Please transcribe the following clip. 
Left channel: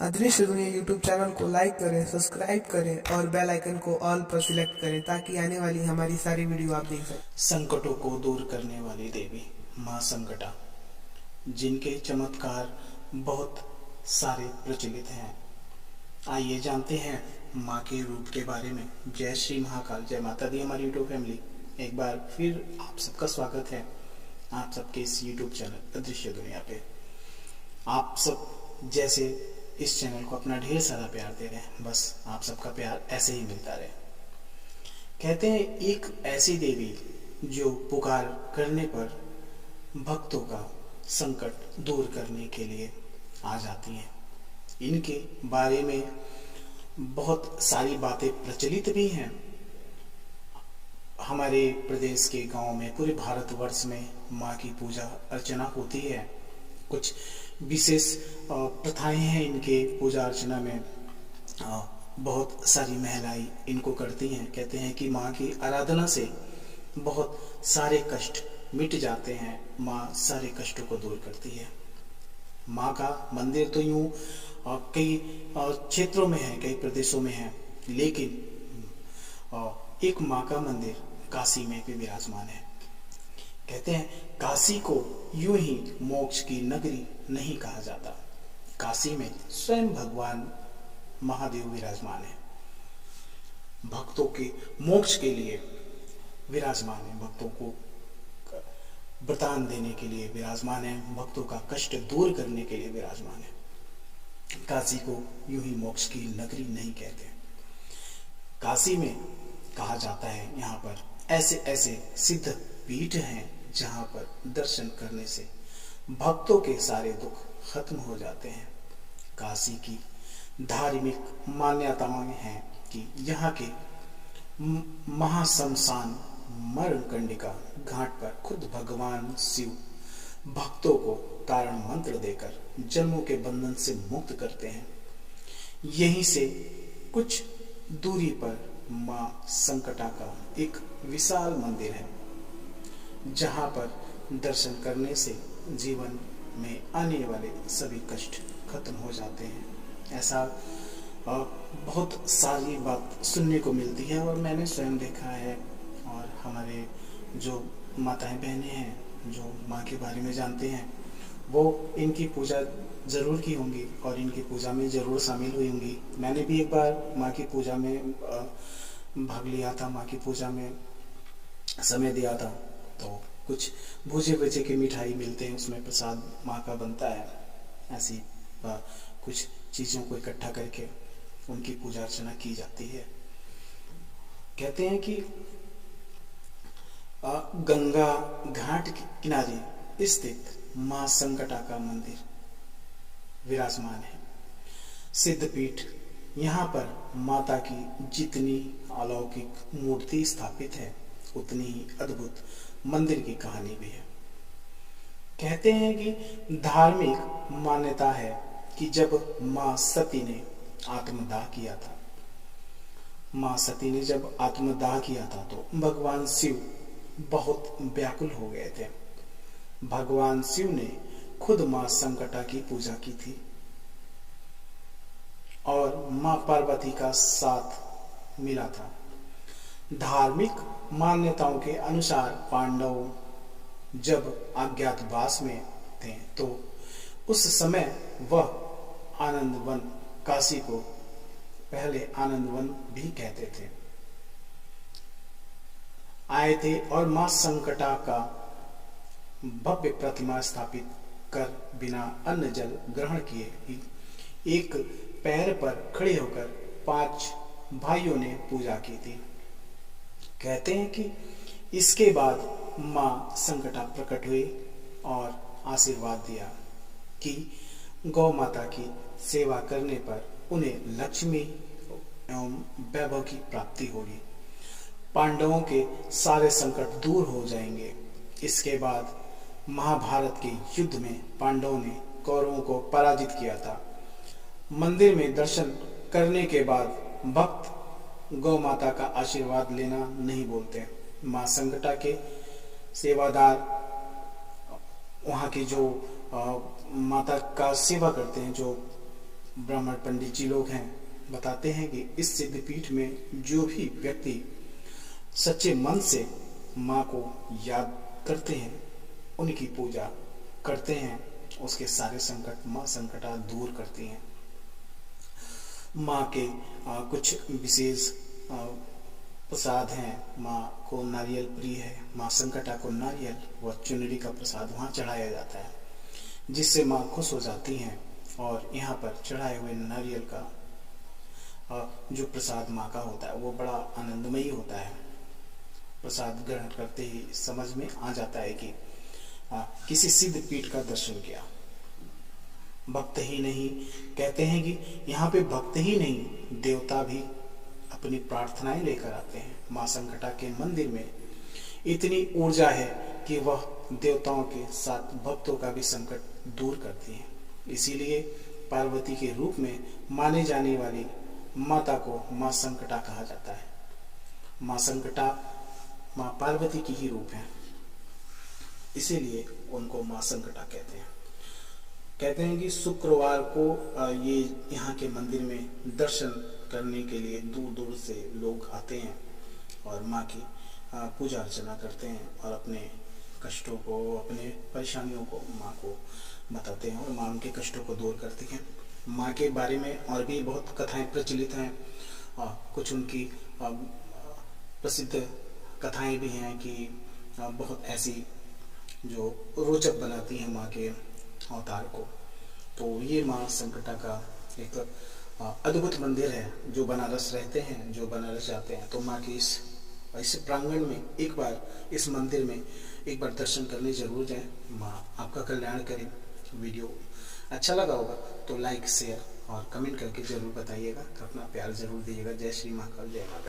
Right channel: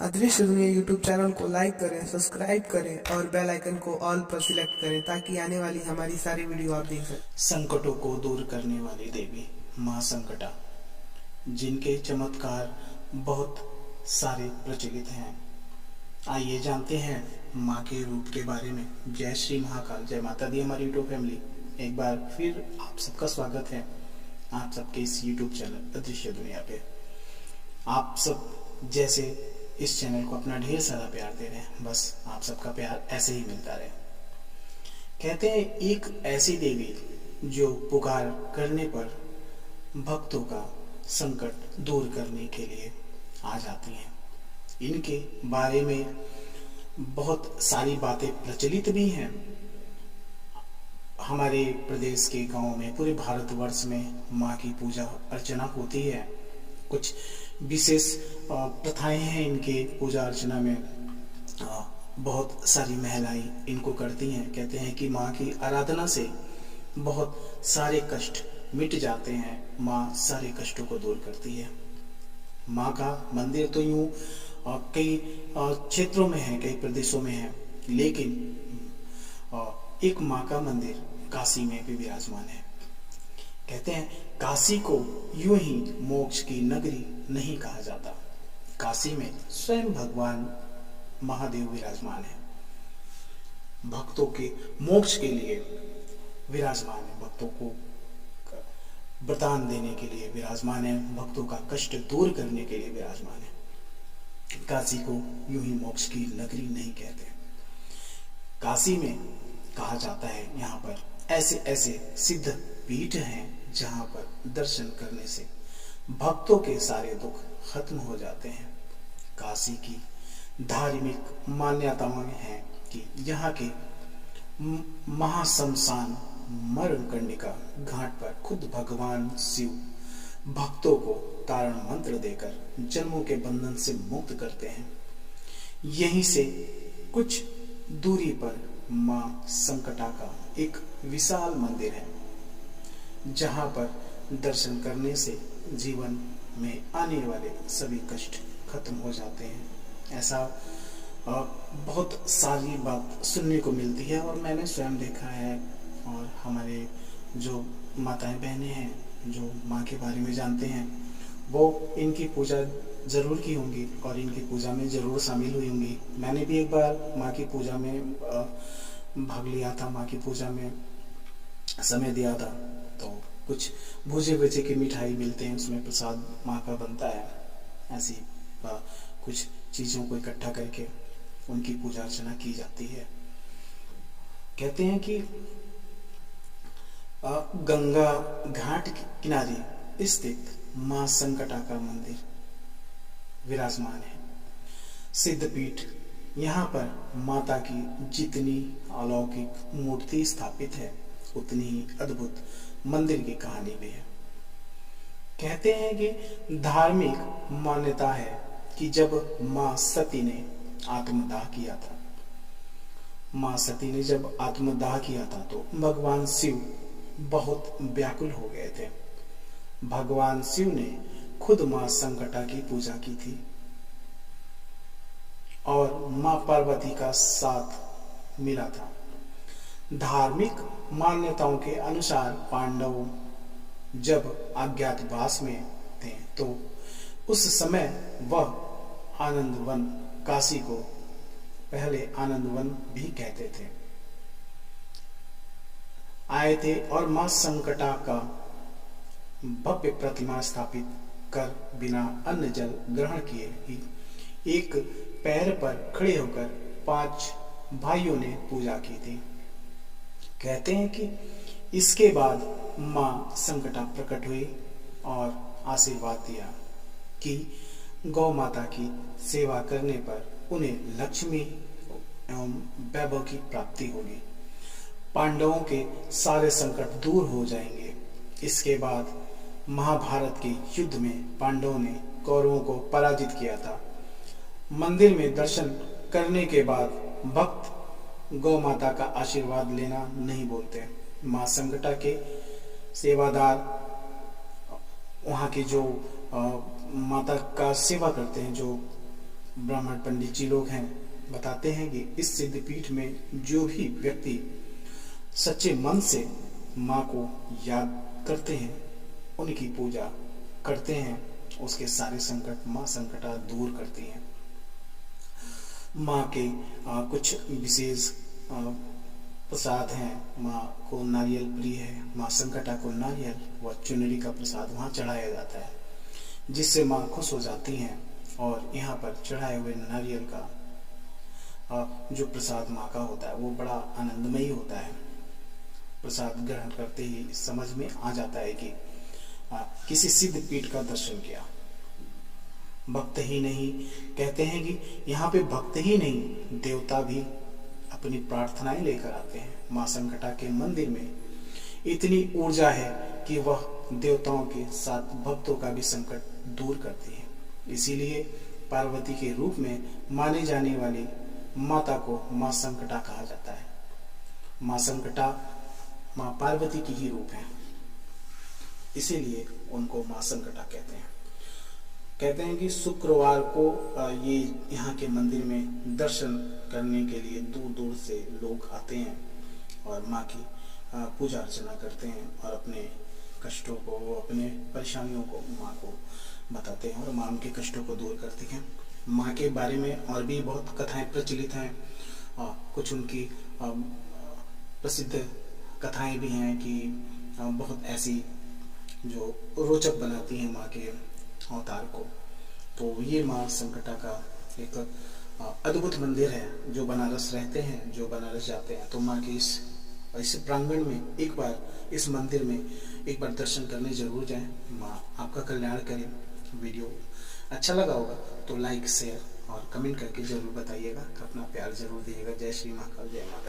अदृश्य दुनिया YouTube channel को लाइक करें, सब्सक्राइब करें और बेल आइकन को ऑल पर सिलेक्ट करें ताकि आने वाली हमारी सारी वीडियो आप देख सकें। संकटों को दूर करने वाली देवी माँ संकटा, जिनके चमत्कार बहुत सारे प्रचलित हैं। आइए जानते हैं माँ के रूप के बारे में। जय श्री महाकाल, जय माता दी हमारी यूट्यूब फैमिली। एक बार फिर आप सबका स्वागत है आप सबके इस यूट्यूब चैनल अदृश्य दुनिया पे। आप सब जैसे इस चैनल को अपना ढेर सारा प्यार दे रहे हैं, बस आप सबका प्यार ऐसे ही मिलता रहे। कहते हैं एक ऐसी देवी जो पुकार करने पर भक्तों का संकट दूर करने के लिए आ जाती हैं। इनके बारे में बहुत सारी बातें प्रचलित भी हैं। हमारे प्रदेश के गांव में, पूरे भारतवर्ष में माँ की पूजा अर्चना होती है। कुछ विशेष प्रथाएं हैं इनके पूजा अर्चना में। बहुत सारी महिलाएं इनको करती हैं। कहते हैं कि माँ की आराधना से बहुत सारे कष्ट मिट जाते हैं। माँ सारे कष्टों को दूर करती है। माँ का मंदिर तो यूं कई क्षेत्रों में है, कई प्रदेशों में है, लेकिन एक माँ का मंदिर काशी में भी विराजमान है। कहते हैं काशी को यूं ही मोक्ष की नगरी नहीं कहा जाता। काशी में स्वयं भगवान महादेव विराजमान है। भक्तों के मोक्ष के लिए विराजमान है, भक्तों को वरदान देने के लिए विराजमान है, भक्तों का कष्ट दूर करने के लिए विराजमान है। काशी को यूं ही मोक्ष की नगरी नहीं कहते। काशी में कहा जाता है यहाँ पर ऐसे ऐसे सिद्ध पीठ हैं जहाँ पर दर्शन करने से भक्तों के सारे दुख खत्म हो जाते हैं। काशी की धार्मिक मान्यताएं हैं कि यहाँ के महाशमशान मरणकंडिका घाट पर खुद भगवान शिव भक्तों को तारण मंत्र देकर जन्मों के बंधन से मुक्त करते हैं। यहीं से कुछ दूरी पर माँ संकटा का एक विशाल मंदिर है, जहाँ पर दर्शन करने से जीवन में आने वाले सभी कष्ट खत्म हो जाते हैं। ऐसा बहुत सारी बात सुनने को मिलती है और मैंने स्वयं देखा है। और हमारे जो माताएं बहनें हैं जो माँ के बारे में जानते हैं, वो इनकी पूजा ज़रूर की होंगी और इनकी पूजा में ज़रूर शामिल हुई होंगी। मैंने भी एक बार माँ की पूजा में भाग लिया था, माँ की पूजा में समय दिया था। तो कुछ भूजे भूजे की मिठाई मिलते हैं, उसमें प्रसाद माँ का बनता है। ऐसी कुछ चीज़ों को इकट्ठा करके उनकी पूजा अर्चना की जाती है। कहते हैं कि गंगा घाट के किनारे स्थित माँ संकटा का मंदिर विराजमान है। सिद्धपीठ, यहाँ पर माता की जितनी अलौकिक मूर्ति स्थापित है उतनी ही अद्भुत मंदिर की कहानी भी है। कहते हैं कि धार्मिक मान्यता है कि जब माँ सती ने आत्मदाह किया था, माँ सती ने जब आत्मदाह किया था तो भगवान शिव बहुत व्याकुल हो गए थे। भगवान शिव ने खुद माँ संकटा की पूजा की थी और माँ पार्वती का साथ मिला था। धार्मिक मान्यताओं के अनुसार पांडव जब अज्ञातवास में थे तो उस समय वह आनंदवन, काशी को पहले आनंदवन भी कहते थे, आए थे और माँ संकटा का भव्य प्रतिमा स्थापित कर बिना अन्न जल ग्रहण किए ही एक पैर पर खड़े होकर 5 भाइयों ने पूजा की थी। कहते हैं कि इसके बाद माँ संकटा प्रकट हुई और आशीर्वाद दिया कि गौ माता की सेवा करने पर उन्हें लक्ष्मी एवं वैभव की प्राप्ति होगी, पांडवों के सारे संकट दूर हो जाएंगे। इसके बाद महाभारत के युद्ध में पांडवों ने कौरवों को पराजित किया था। मंदिर में दर्शन करने के बाद भक्त गौ माता का आशीर्वाद लेना नहीं बोलते। माँ संकटा के सेवादार वहाँ के जो माता का सेवा करते हैं, जो ब्राह्मण पंडित जी लोग हैं, बताते हैं कि इस सिद्धपीठ में जो भी व्यक्ति सच्चे मन से माँ को याद करते हैं, उनकी पूजा करते हैं, उसके सारे संकट माँ संकटा दूर करती हैं। माँ के कुछ विशेष प्रसाद हैं। माँ को नारियल प्रिय है, माँ संकटा को नारियल व चुनरी का प्रसाद वहाँ चढ़ाया जाता है, जिससे माँ खुश हो जाती हैं। और यहाँ पर चढ़ाए हुए नारियल का जो प्रसाद माँ का होता है वो बड़ा आनंदमयी होता है। प्रसाद ग्रहण करते ही समझ में आ जाता है कि किसी सिद्ध पीठ का दर्शन किया। भक्त ही नहीं, कहते हैं कि यहाँ पे भक्त ही नहीं, देवता भी अपनी प्रार्थनाएं लेकर आते हैं। माँ संकटा के मंदिर में इतनी ऊर्जा है कि वह देवताओं के साथ भक्तों का भी संकट दूर करती है। इसीलिए पार्वती के रूप में माने जाने वाली माता को माँ संकटा कहा जाता है। माँ संकटा माँ पार्वती की ही रूप है, इसीलिए उनको माँ संकटा कहते हैं। कहते हैं कि शुक्रवार को ये यहाँ के मंदिर में दर्शन करने के लिए दूर दूर से लोग आते हैं और माँ की पूजा अर्चना करते हैं और अपने कष्टों को, अपने परेशानियों को माँ को बताते हैं और माँ उनके कष्टों को दूर करती हैं। माँ के बारे में और भी बहुत कथाएं प्रचलित हैं। कुछ उनकी प्रसिद्ध कथाएं भी हैं कि बहुत ऐसी जो रोचक बनाती हैं माँ के अवतार को। तो ये माँ संकटा का एक अद्भुत मंदिर है। जो बनारस रहते हैं, जो बनारस जाते हैं, तो माँ के इस प्रांगण में एक बार, इस मंदिर में एक बार दर्शन करने जरूर जाएं। माँ आपका कल्याण करें। वीडियो अच्छा लगा होगा तो लाइक, शेयर और कमेंट करके जरूर बताइएगा। अपना प्यार जरूर दीजिएगा। जय श्री महाकाल, जय माता।